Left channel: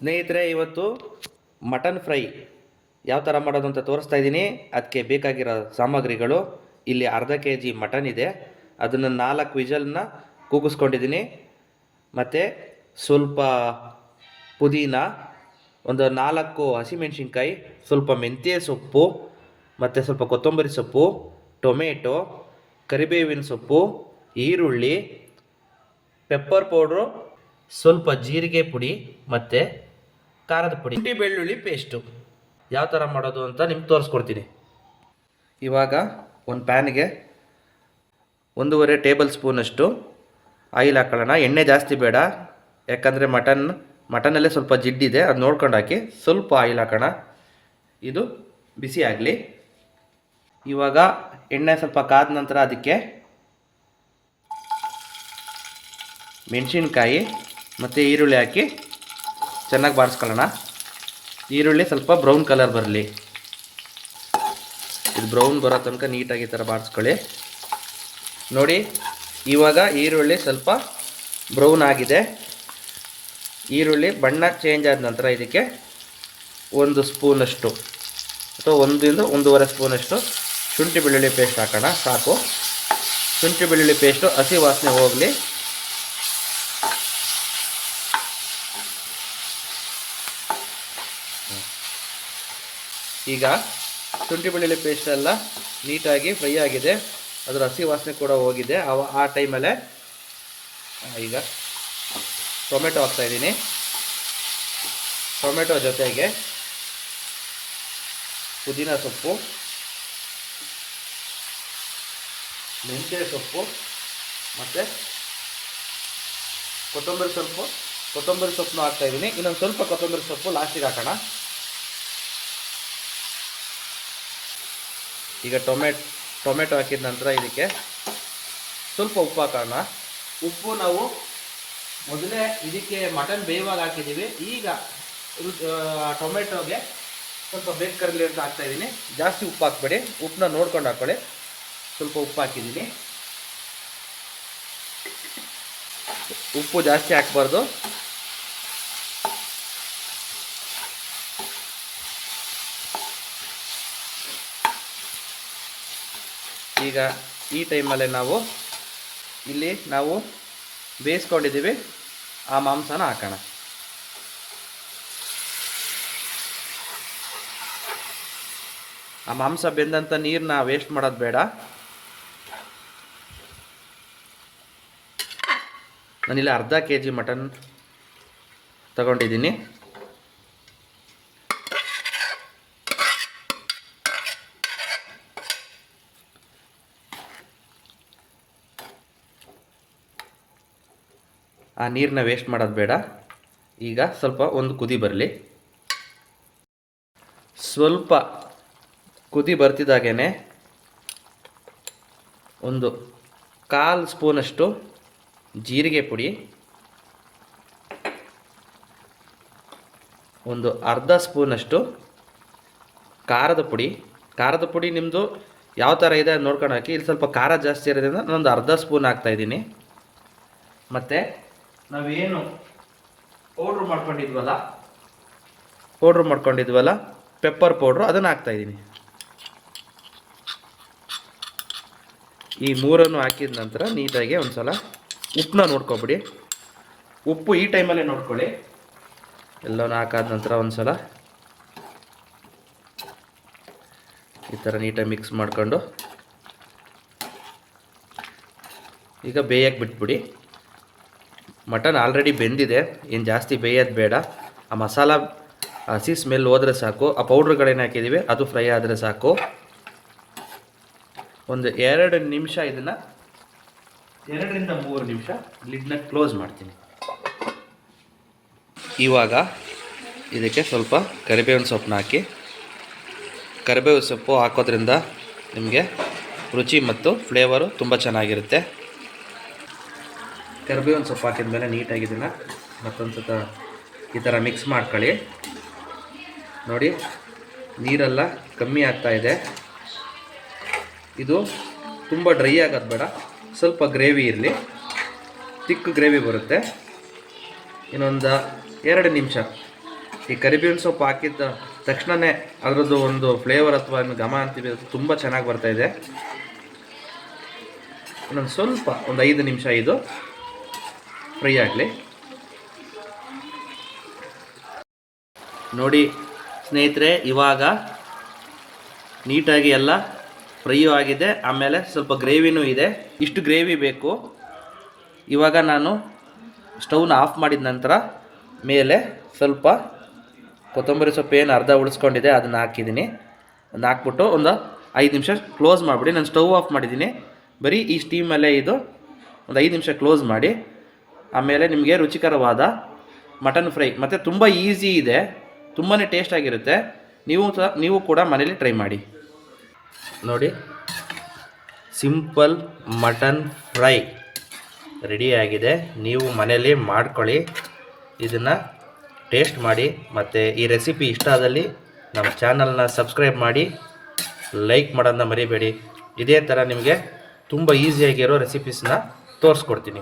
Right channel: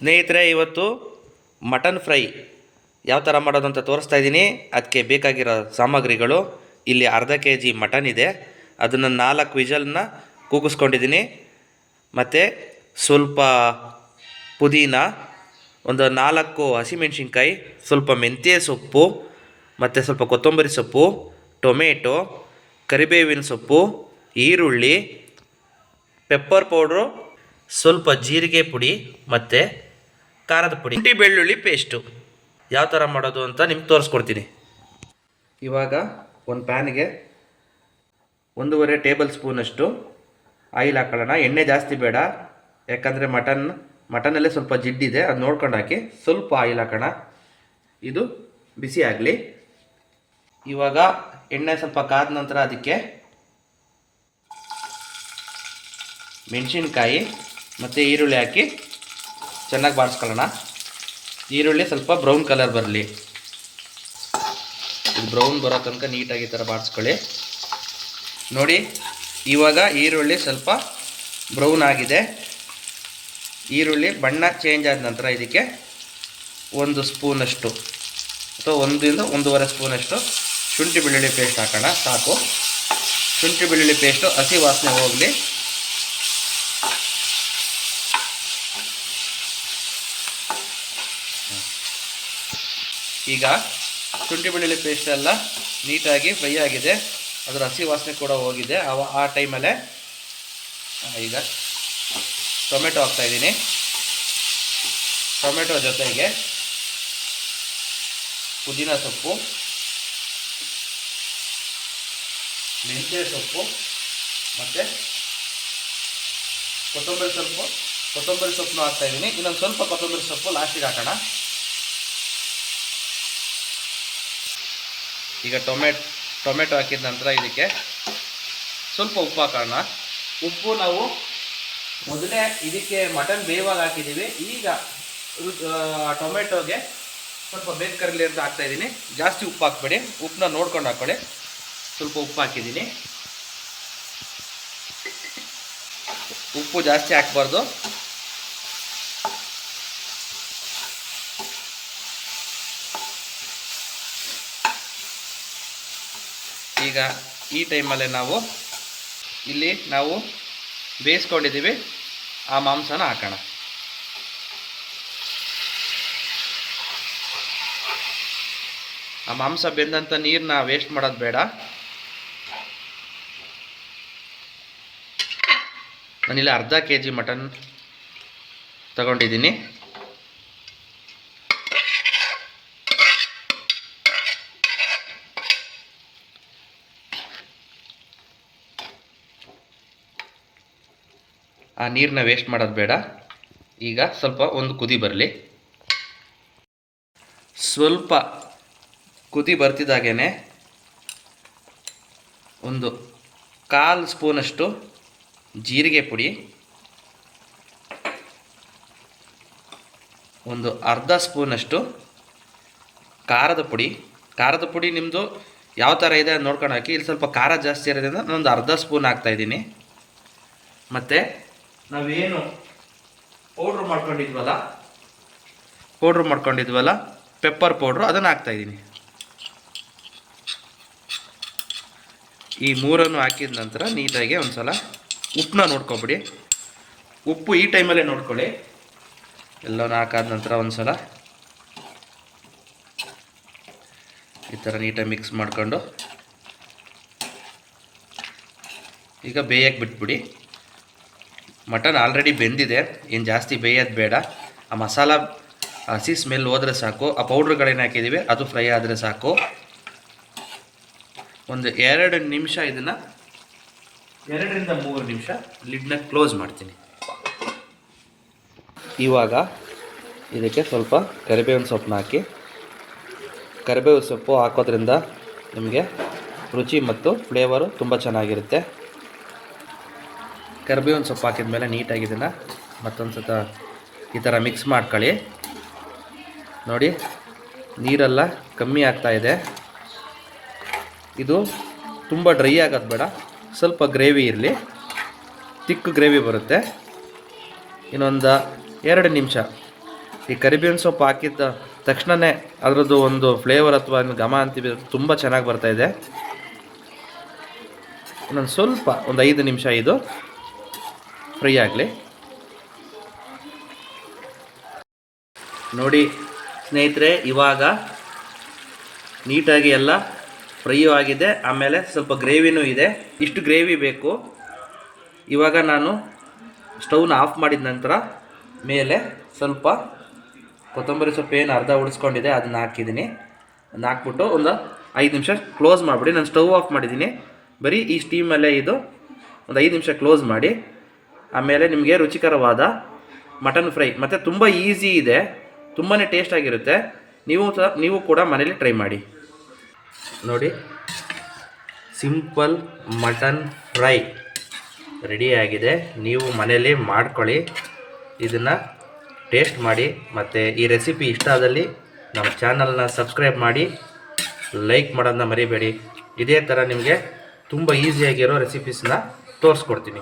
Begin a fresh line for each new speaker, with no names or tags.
ಸ್ನೇಹಿತರೆ, ಇವತ್ತು mutton fry. ಯಾವ ಥರ ಮಾಡೋದು ಅಂತ ತೋರಿಸ್ತಾ ಇದ್ದೀನಿ. ಅದಕ್ಕೆ ಬೇಕಾಗಿರೋ ಸಾಮಗ್ರಿಗಳು. ಇಲ್ಲಿ ಅರ್ಧ ಕೆ ಜಿ ಮಟನ್ ಇದೆ. ಅದನ್ನು ನಾಲ್ಕು ವಿಜಲ್ನ ಕೂಗಿಸ್ಕೊಂಡಿದ್ದೀನಿ. ಮತ್ತು ಸ್ವಲ್ಪ ಪುದೀನ, ಒಂದು ನಾಲ್ಕು ಹಸಿಮೆಣ್ಸಿನ್ಕಾಯಿ, ಸ್ವಲ್ಪ ಮೆಂತ್ಯ ಸೊಪ್ಪು, ಮತ್ತು ಸ್ವಲ್ಪ ಕೊತ್ತಂಬರಿ ಸೊಪ್ಪು, ಟೊಮೆಟೊ, ಕರಿಬೇವಿನ ಸೊಪ್ಪು, ಈರುಳ್ಳಿ, ಪೆಪ್ಪರ್ ಪೌಡ್ರು, ಸ್ವಲ್ಪ ಜೀರಿಗೆ ಪುಡಿ, ಮತ್ತು ಖಾರದ ಪುಡಿ, ಶುಂಠಿ ಬೆಳ್ಳುಳ್ಳಿ ಪೇಸ್ಟು ಯಾವ ಥರ ಮಾಡೋದು ಅಂತ ನಿಮ್ಗೆ ತೋರಿಸ್ಕೊಡ್ತೀನಿ. ಇವಾಗ ಒಂದು ಪ್ಯಾನ್ಗೆ ಒಂದೂವರೆ ಟೇಬಲ್ ಸ್ಪೂನಷ್ಟು ಆಯಿಲ್ ಹಾಕೊಳ್ಳೋಣ. ಎಣ್ಣೆ ಜಾಸ್ತಿ ಬೇಡ. ಯಾಕಂದರೆ ಮಟನ್, ಮಟನಲ್ಲೇ ಸ್ವಲ್ಪ ಜಿಡ್ಡಿದೆ ಅದು ನೋಡ್ಕೊಂಡು ಹಾಕಿ ಸ್ವಲ್ಪ ಆಯಿಲ್ ಹಾಕೋಣ. ಇದು ಬಿಸಿ ಆಗಲಿ. ಇವಾಗ ಎಣ್ಣೆ ಸ್ವಲ್ಪ ಕಾದ ನಂತರ ಅದಕ್ಕೆ ಮೆಣಸಿನ್ಕಾಯಿ ಮತ್ತು ಈರುಳ್ಳಿ ಹಾಕಿ ಚೆನ್ನಾಗಿ ಬಾಡಿಸ್ಕೊಳ್ಳೋಣ ಈರುಳ್ಳಿ ಸ್ವಲ್ಪ ಬ್ರೌನ್ ಕಲರ್ ಬರಲಿ. ಇದು ಬ್ರೌನ್ ಬರೋ ತನಕ ನೀಟಾಗಿ ಈ ಥರ ಬಾಡಿಸ್ಕೊಳ್ಳಿ ನೋಡಿ, ಇವಾಗ ಈರುಳ್ಳಿ ಸ್ವಲ್ಪ ಬ್ರೌನ್ ಆಗಿದೆ. ಈರುಳ್ಳಿ ಬಣ್ಣ ಚೇಂಜ್ ಆದ ನಂತರ ಇದಕ್ಕೆ ಒಂದು ಸ್ಪೂನಷ್ಟು ಅಥವಾ ಒಂದಿಂದ ಒಂದೂವರೆ ಸ್ಪೂನಷ್ಟು ಶುಂಠಿ ಬೆಳ್ಳುಳ್ಳಿ ಪೇಸ್ಟ್ ಹಾಕೋಣ, ಸಾಕು. ಶುಂಠಿ ಬೆಳ್ಳುಳ್ಳಿ ಪೇಸ್ಟು ಹಸಿ ವಾಸನೆ ಹೋಗಲಿ. ಈಗ ಶುಂಠಿ ಬೆಳ್ಳುಳ್ಳಿ ಪೇಸ್ಟ್ ಎಲ್ಲ ನೀಟಾಗಿ ಫ್ರೈ ಆಗಿದೆ. ಅದರ ಹಸಿ ವಾಸನೆ ಕೂಡ ಹೋಗಿದೆ. ಅವ ಆ ಟೈಮಲ್ಲೇ ಈಗ ಟೊಮೆಟೊ ಹಾಕ್ತಾಯಿದ್ದೀನಿ ಟೊಮೆಟೊ ಜೊತೆಗೆ ಪುದೀನ ಸೊಪ್ಪು, ಮೆಂತ್ಯ ಸೊಪ್ಪು, ಮತ್ತು ಕೊತ್ತಂಬರಿ ಸೊಪ್ಪು. ಕೊತ್ತಂಬರಿ ಸೊಪ್ಪನ್ನು ಹಾಕ್ತಾಯಿದ್ದೀನಿ ಇನ್ನೊಂದು ಸ್ವಲ್ಪ ಕೊತ್ತಂಬರಿ ಸೊಪ್ಪು ಲಾಸ್ಟಿಗೆ ಹಾಕೋಣ. ಈಗ ಟೊಮೆಟ್ ಟೊಮೆಟೊ ಹಾಕಿದ ನಂತರ ಇದಕ್ಕೆ ಸ್ವಲ್ಪ ಉಪ್ಪು ಹಾಕೋಣ ಉಪ್ಪು ನಾವು ಮೊದಲೇ ಇದಕ್ಕೆ ಮಟನ್ ಬೇಯುವಾಗ ಹಾಕಿದ್ದೀವಿ. ಈಗ ಟೊಮೆಟೊಗೆ ಸ್ವಲ್ಪ ಬೇಗ ಕರಲಿ ಅಂತ ಹಾಕ್ತಾ ಇದ್ದೀನಿ. ಜಾಸ್ತಿ ಉಪ್ಪು ಹಾಕ್ಬೇಡಿ. ಉಪ್ಪನ್ನ ನೋಡ್ಕೊಂಡು ಹಾಕೊಳ್ಳಿ. ಸ್ವಲ್ಪ ಉಪ್ಪು ಹಾಕಿದ್ದೀನಿ. ಉಪ್ಪು ಜಾಸ್ತಿ ಹಾಕ್ಬಾರ್ದು. ಈಗ ಈ ಟೈಮಲ್ಲೇ ನಾವು ಇಲ್ಲಿ ನಾವು ಬೇಯಿಸ್ಕೊಂಡಿದ್ದೀವಿ. ಆ ಮಾಂಸನ ಹಾಕೋಣ. ಆ ಮಾಂಸ ಬೆಂದಂಥ ನೀರನ್ನ ವೇಸ್ಟ್ ಮಾಡೋದು ಬೇಡ. ನಾನಿಲ್ಲಿ ಅರ್ಧ ಕೆ ಜಿ ಮಟನ್ ತಗೊಂಡಿದ್ದೀನಿ. ಆ ನೀರನ್ನ ವೇಸ್ಟ್ ಮಾಡೋದು ಬೇಡ. ಈಗ ಸ್ವಲ್ಪ ಒಂದು ಕುದಿ ಬರಲಿ. ಸ್ವಲ್ಪ ಕುದಿ ಬರ್ತಿದ್ದಾಗೇ ಒಂದು ಕಾಲು ಸ್ಪೂನಷ್ಟು ಜೀರಿಗೆ ಪುಡಿ, ಒಂದು ಅರ್ಧ ಸ್ಪೂನಷ್ಟು ಖಾರದ ಪುಡಿ. ಖಾರದ ಪುಡಿ ನಿಮ್ಮದು ಯಾವ ಥರ ಇದೆ ನೋಡ್ಕೊಂಡು ಹಾಕಿ. ಇಲ್ಲಿ ಸ್ವಲ್ಪ ಖಾರ ಜಾಸ್ತಿ ಇರೋದ್ರಿಂದ ನಾನೊಂದು ಅರ್ಧ ಸ್ಪೂನ್ ಹಾಕ್ತಾಯಿದ್ದೀನಿ ಮತ್ತು ನಾವೇನು ಪೌಡ್ರ್ ಮಾಡ್ಕೊಂಡಿದ್ವಲ್ಲ? ಪೌಡ್ರ್ ಮಾಡ್ಕೊಂಡಿದ್ವಲ್ಲ? ಪೆಪ್ಪರ್ ಪೌಡ್ರು ಅದನ್ನು ಹಾಕ್ತಾಯಿದ್ದೀನಿ ಈ ಮೂರನ್ನು ಹಾಕಿದ ನಂತರ ನೀಟಾಗಿ ಒಂದು ಸಲ ಉಪ್ಪನ್ನ ನೋಡ್ಕೊಬಿಡಿ. ಉಪ್ಪು ಈ ಟೈಮಲ್ಲೇ ನೋಡ್ಕೊಳ್ಳಿ. ಎಲ್ಲನೂ ಹಾಕಾದ ನಂತರ ಒಂದು ಸಲ ಈ ಥರ ನೀಟಾಗಿ ಮಿಕ್ಸ್ ಮಾಡಿಕೊಂಡು ಈಗ ಬೇಯಕ್ಕೆ ಬಿಟ್ಬಿಡಿ. ಮಟನ್ ಆಲ್ರೆಡಿ ಬೆಂದಿದೆ. ಏನು ಜಾಸ್ತಿ ಬೇಯೋದು ಬೇಡ. ಆ ಮಸಾಲ ಹಸಿ ಸ್ಮೆಲ್ ಹೋದರೆ ಸಾಕು. ಆ ಪೌಡ್ರ್ಗಳೇನು ಹಾಕಿದ್ದೀವಿ ಅದು ಫ್ರೈ ಆದರೆ ಸಾಕು. ಒಂದು ಎರಡು ನಿಮಿಷ ಇದನ್ನು, ಎರಡರಿಂದ ಮೂರು ನಿಮಿಷ ಲಿಡ್ನ ಕ್ಲೋಸ್ ಮಾಡ್ತೀನಿ. ಇವಾಗ ಇದಕ್ಕೆ ಸ್ವಲ್ಪ ಕರಿಬೇವಿನ ಸೊಪ್ಪನ್ನ ಹಾಕಿ. ಕರಿಬೇವು ಸೊಪ್ಪು ಹಾಕೋದ್ರಿಂದ ನಿಮಗೆ ರುಚಿ ಮತ್ತು ಫ್ಲೇವರು ತುಂಬ ಚೆನ್ನಾಗಿರುತ್ತೆ. ಕರಿಬೇವಿನ ಸೊಪ್ಪು ಹಾಕಿದ ಮೇಲೆ ನೀಟಾಗಿ ಇದನ್ನು ಮತ್ತೊಂದು ಸತ ಈ ಥರ ಮಿಕ್ಸ್ ಮಾಡ್ಕೊಳ್ಳಿ. ನೋಡಿ, ನೀರೆಲ್ಲ ಕಮ್ಮಿ ಆಗ್ತಾ ಇದೆ. ಇದು ತುಂಬ ಡ್ರೈ ಆಗೋದು ಬೇಡ, ಸ್ವಲ್ಪ ಗ್ರೇವಿ ಇರಲಿ. ತಿಕ್ಕು ಗ್ರೇವಿ ಬರುತ್ತೆ. ಇನ್ನೊಂದು ಎರಡು ನಿಮಿಷ. ಈ ಕರಿಬೇವಿನ ಸೊಪ್ಪು ಹಾಕಿದ ತಕ್ಷಣವೇ ಅದರದ್ದು ಒಂದು ಫ್ಲೇವರ್ ಅಥವಾ ಘಮ ಅಂತೀವಿ ತುಂಬ ಚೆನ್ನಾಗಿ ಬರ್ತಾ ಇದೆ. ಇನ್ನೊಂದು ಸ್ವಲ್ಪ, ಒಂದು ಐದು ನಿಮಿಷ ಇದು. ಫ್ರೈ ಆಗಲಿ. ನೋಡಿ ಸ್ನೇಹಿತರೆ, ಇವಾಗ ನೀಟಾಗಿ ಎಲ್ಲ ಫ್ರೈ ಆಗಿದೆ. ಆಮೇಲೆ ಸ್ವಲ್ಪ ಗ್ರೇವಿನೂ ಇದೆ. ಇಷ್ಟು ಗ್ರೇವಿ ಬೇಕು. ಇವಾಗ ನಾನು ಸ್ಟವ್ನ ಆಫ್ ಮಾಡಿದ ನಂತರ ಮೇಲೆ ಸ್ವಲ್ಪ ಕೊತ್ತಂಬರಿ ಸೊಪ್ಪು ಏನು ಅರ್ಧ ಉಳಿಸ್ಕೊಂಡಿದೆ, ಅದನ್ನು ಹಾಕಿದ್ದೀನಿ. ಅದನ್ನ ಹಾಕ್ಬಿಟ್ಟು ಒಂದು ಐದು ನಿಮಿಷ ಕ್ಲೋಸ್ ಮಾಡಿಬಿಡಿ. ನಾನು ಸ್ಟವ್ ಆಫ್ ಮಾಡಿದ್ದೀನಿ. ಬರೀ ಈ ಸ್ಟೀಮಲ್ಲೇ ಇದು ಒಂದು ಐದು ನಿಮಿಷ ಕ್ಲೋಸ್ ಮಾಡಿ. ಆಮೇಲೆ ನಿಮಗೆ ರುಚಿಕರವಾದ ಮಟನ್ ಫ್ರೈ. ಮತ್ತು ತುಂಬ ಈಸಿ ಇದೆ. ತುಂಬಾ ಟೇಸ್ಟ್ ಆಗಿರುತ್ತೆ. ನೀವು ಸಹ, ನೀವು ಕೂಡ ಮನೇಲಿ ಟ್ರೈ ಮಾಡಿ. ನೋಡಿ. ಸಿಂಪಲ್ ಮಟನ್ ಫ್ರೈ ರೆಡಿಯಾಗಿದೆ ನೀವು ಮನೇಲಿ ಮಾಡ್ಕೊಳ್ಳಿ. ಇದನ್ನು ಟೇಸ್ಟ್ ಮಾಡಿ. ಮತ್ತು ಈ ರೆಸಿಪಿ ಇಷ್ಟ ಆದಲ್ಲಿ ನಮ್ಮ ಚಾನಲ್ನ ಸಬ್ಸ್ಕ್ರೈಬ್ ಮಾಡಿ. ಲೈಕ್ ಮಾಡೋದನ್ನ ಮರಿಬೇಡಿ. ಇದೇ ಥರ ನಿಮಗೆ ತುಂಬ ಈಸಿಯಾಗಿರೋ ರೆಸಿಪೀಸ್ನ ತೋರಿಸ್ಕೊಡ್ತೀನಿ.